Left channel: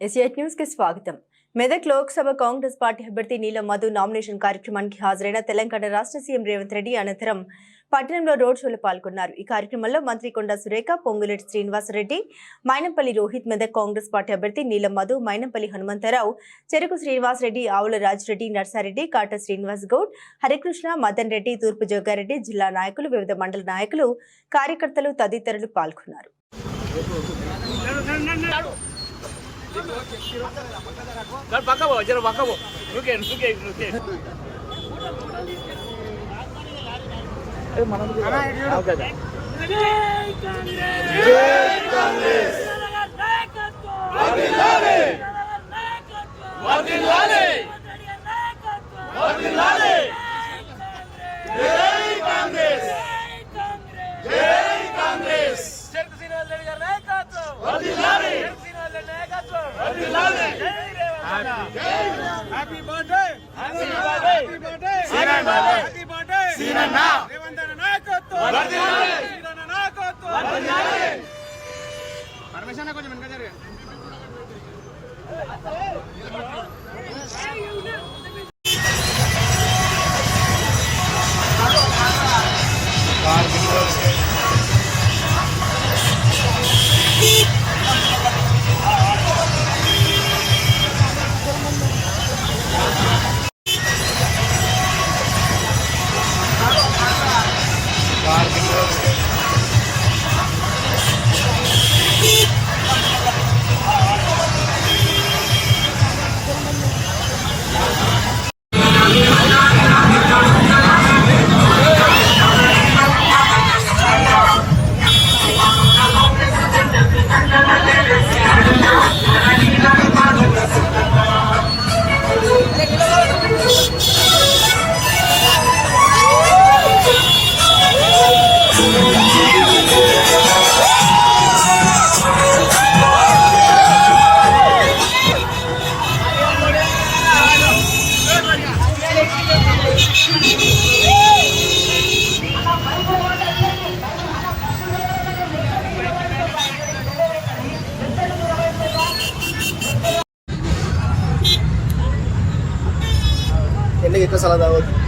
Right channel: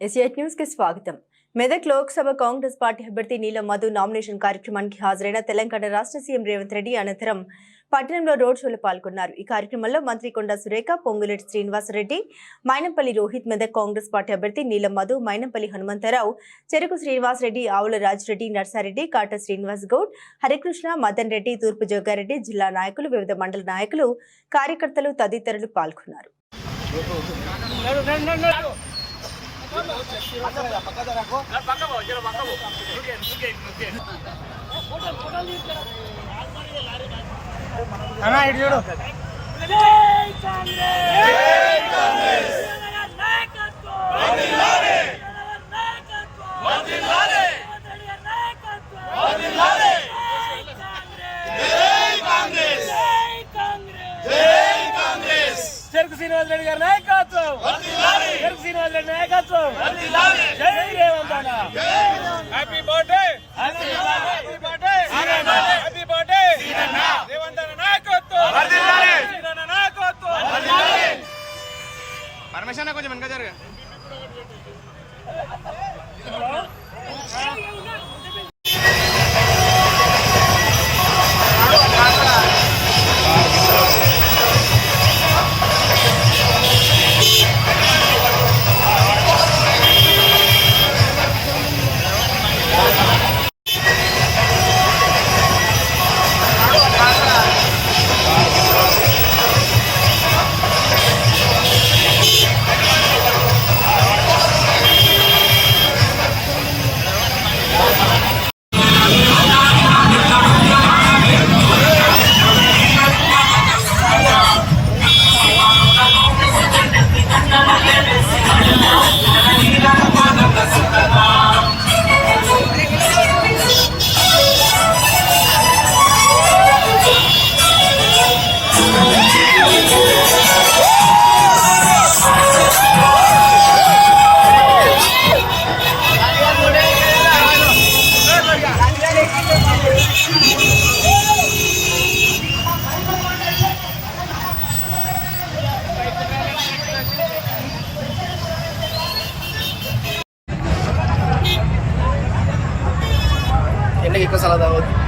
ఎస్ఐట్ న్యూస్కి స్వాగతం. మెదక్ లోక్సభ కాంగ్రెస్ పార్టీ అభ్యర్థి నీలం మధు నామినేషన్ కార్యక్రమానికి హాజరైన తెలంగాణ రాష్ట్ర సీఎం రేవంత్ రెడ్డి అనంతరం పట్టణంలో రోడ్ షోలో పాల్గొన్నారు. ఈ కార్యక్రమంలో మంత్రి కొండా సురేఖ పొంగులేటి శ్రీనివాసరెడ్డి మైనంపల్లి రోహిత్ మెదక్ కాంగ్రెస్ పార్టీ అభ్యర్థి నీలం మధు మైనంపల్లి హనుమంతరావు చెరుకు శ్రీనివాసరెడ్డి ఆవుల రాజిరెడ్డి నర్సారెడ్డి కాట శ్రీనివాస్ గౌడ్ హరికృష్ణ మదన్ రెడ్డి తూర్పు జోగారెడ్డి జిల్లా నాయకులు వివిధ మండల నాయకులు కార్యకర్తలు తదితరులు పాల్గొన్నారు. పక్క పో జర పక్క పో నువ్వుకే నువ్వుకే నువ్వుకే చెరుకు శ్రీనివాస్ రెడ్డి గారి నాయకత్వం. చెరుకు శ్రీనివాస్ రెడ్డి నాయకత్వం జై రేవంత్ అన్న. Happy birthday happy birthday happy birthday Revanth అన్న నాయకత్వం నాయకత్వం పరమేశ్వర కొంచెం వెనక జరగ. कशाला जावं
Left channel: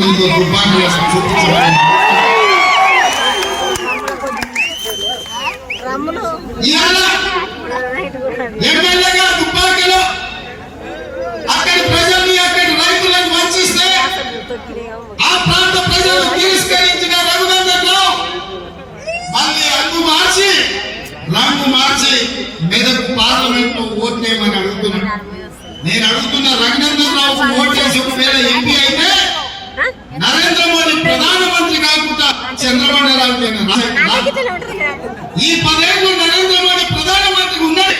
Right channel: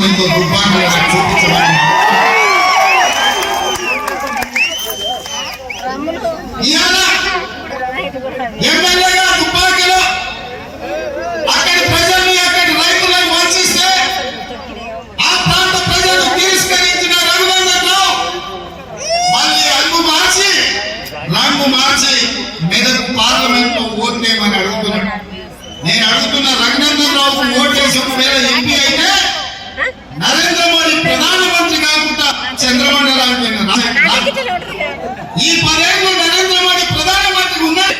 సలహా తాగొద్దు ఇంకో చూపించడం అక్కడి ప్రజల్ని అక్కడి రైతులను వంచిస్తే ఆ ప్రాంత ప్రజలు తిరస్కరించిన రఘునందన్లో మళ్ళీ రంగు మార్చి రంగు మార్చి మెదక్ పార్లమెంట్లో ఓట్లేమని నేను అడుగుతున్న రఘునందన్ రావుకు ఓటేసి ఒకవేళ ఎంపీ నరేంద్ర మోడీ ప్రధానమంత్రి కాకుండా చంద్రబాబు నాయుడు ఈ పదేళ్ళు నరేంద్ర మోడీ ప్రధానమంత్రి ఉన్నాడు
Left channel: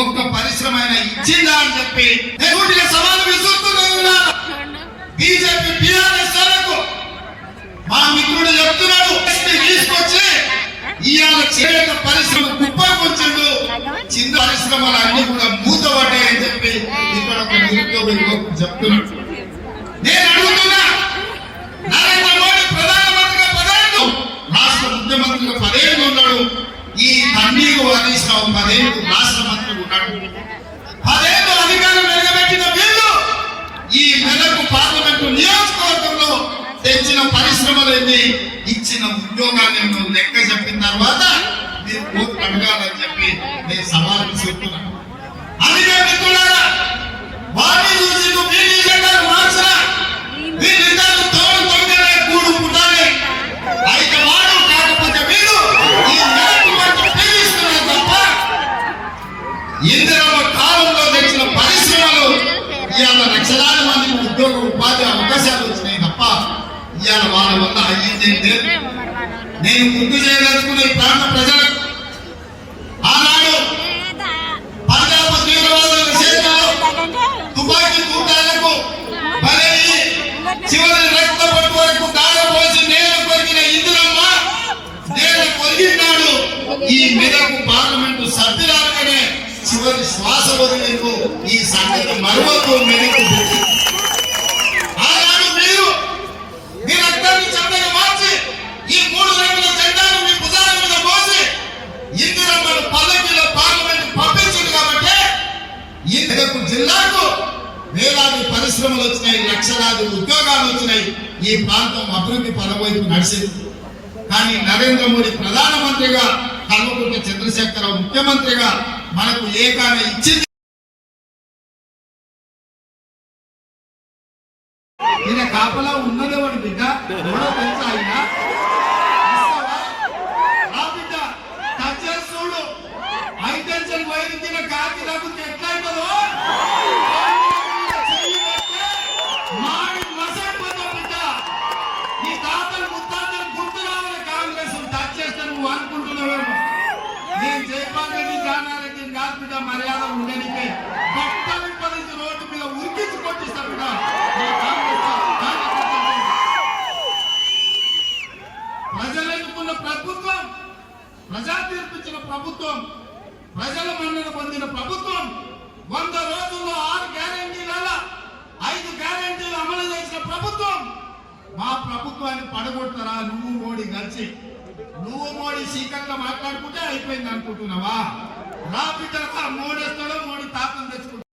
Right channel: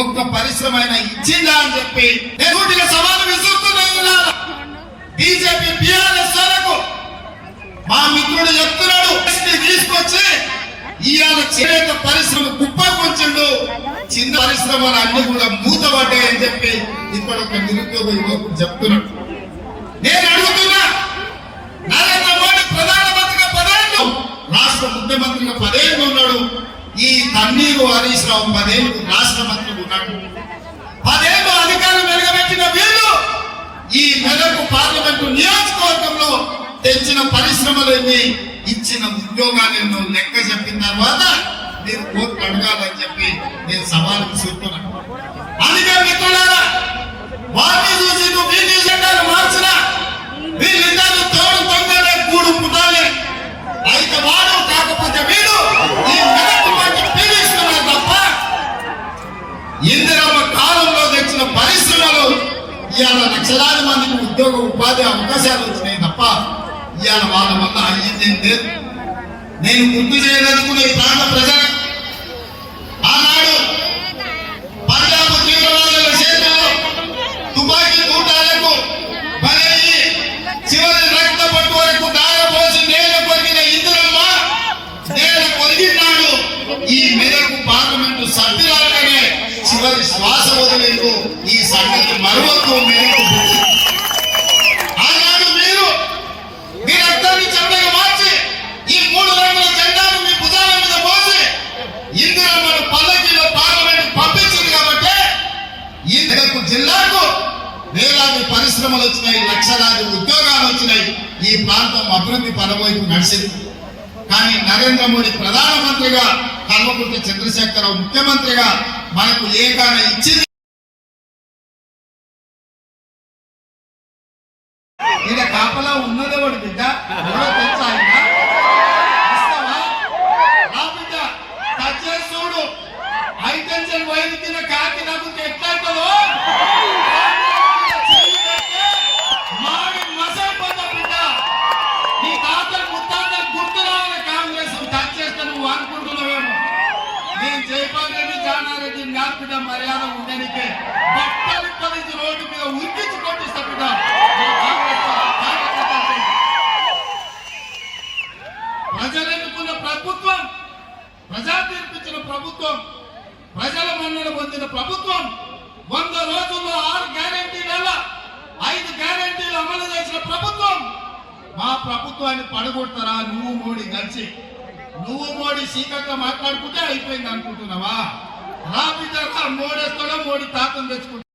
ఒక్క పరిశ్రమ అయినా ఇచ్చిందా అని చెప్పి లేకుంటే సవాలు విసురుతున్నా బీజేపీ బీఆర్ఎస్ మా మిత్రుడు చెప్తున్నాడు. తీసుకొచ్చి ఇవాళ చేనేత పరిశ్రమ కుప్ప కొంచెండు చిన్న పరిశ్రమలు అన్ని కూడా మూతపడ్డాయని చెప్పి ఇక్కడ ఒక నిరుద్యోగ యువకుడు చెప్తున్నాడు నేను రాష్ట్ర ముఖ్యమంత్రిగా పదేళ్ళు ఉన్నాడు. ఈ తన్నీరు హరీష్ పదేళ్ళు రాష్ట్ర మంత్రి ఉన్నాడు. పదేళ్ళు అధికారం నిలబెట్టిన వీళ్ళు ఈ మెదకు పార్లమెంటు నియోజకవర్గంలో తెచ్చిన పరిశ్రమలన్నీ ఇచ్చిన ఉద్యోగాన్ని లెక్క చెప్పిన తర్వాత మీరు ఓట్లు అడగాలని చెప్పి నేను సవాలు చెప్తున్నాను అందుకే మిత్రులారా వారిని వీళ్ళు జెండాలు తోడు ఇవాళ లక్షలాది మందికి ఉద్యోగ ఉపాధి అవకాశాలు వచ్చినాయి తప్ప ఇవాళ వాళ్ళ వల్ల అయ్యింది లేదు. నేను గుర్తు చేయదలుచుకున్న ఈ ప్రాంత ప్రజలు ఆనాడు పంజాబ్ తీవ్రవాదుల చేతుల్లో తుపాకీ తూటాలకు బలయ్యి చివరి ఎవరి శ్వాస వదిలేందుకు ఈ సంగతి మరొక ఆనాడు మీరు మీరందరినీ రక్తాన్ని మార్చి ఈ మూడు రంగుల జెండాను మీ భుజాల మీద మోసి ఇందిరమ్మను పల్లకిలో పార్లమెంట్ పంపించింది కాబట్టి ఈ జిల్లాకు వేలాది పరిశ్రమలు వచ్చినాయి లక్షలాది ఉద్యోగాలు వచ్చినాయి. ఈ ప్రాంతం అభివృద్ధి పదవైపు నడిచింది. కానీ నరేంద్ర మోడీ ప్రధానమంత్రిగా కల్వకుంట్ల చంద్రశేఖరరావు ముఖ్యమంత్రిగా మనకు ఏకాన్ని ఇచ్చింది ఈయన కాపలా ఉన్నదెవడు బిడ్డ ఎవరో తెలుసా ఆయన? బిడ్డ, టచ్ చేసి చూడు. హైటెన్షన్ వైర్ ఇచ్చిన కాకి ఎట్లయితుందో? నేను జయపాల్ రెడ్డి జానారెడ్డి మర్యాద ఉండనికే భక్తులు పదించి రోడ్డు మీద ఉరికించి పంపిస్తా ప్రజలు ఎన్నుకున్న ప్రభుత్వం ప్రజా తీర్పిచ్చిన ప్రభుత్వం ప్రజల మన్నన పొందిన ప్రభుత్వం వంద రోజుల్లో ఆరు గ్యారంటీల ఐదు గ్యారెంటీలు అమలు చేసిన ప్రభుత్వం. మా ప్రభుత్వాన్ని పడగొడతారా? నువ్వు మోడీ కలిసి. నువ్వు మోడీ సీకట్లో మాట్లాడుకుంటే అయిపోయింది అనుకుంటున్నావా? నా బిడ్డ మూడేస్తాడో మూడు తాకం తెచ్చుకుంటాడు.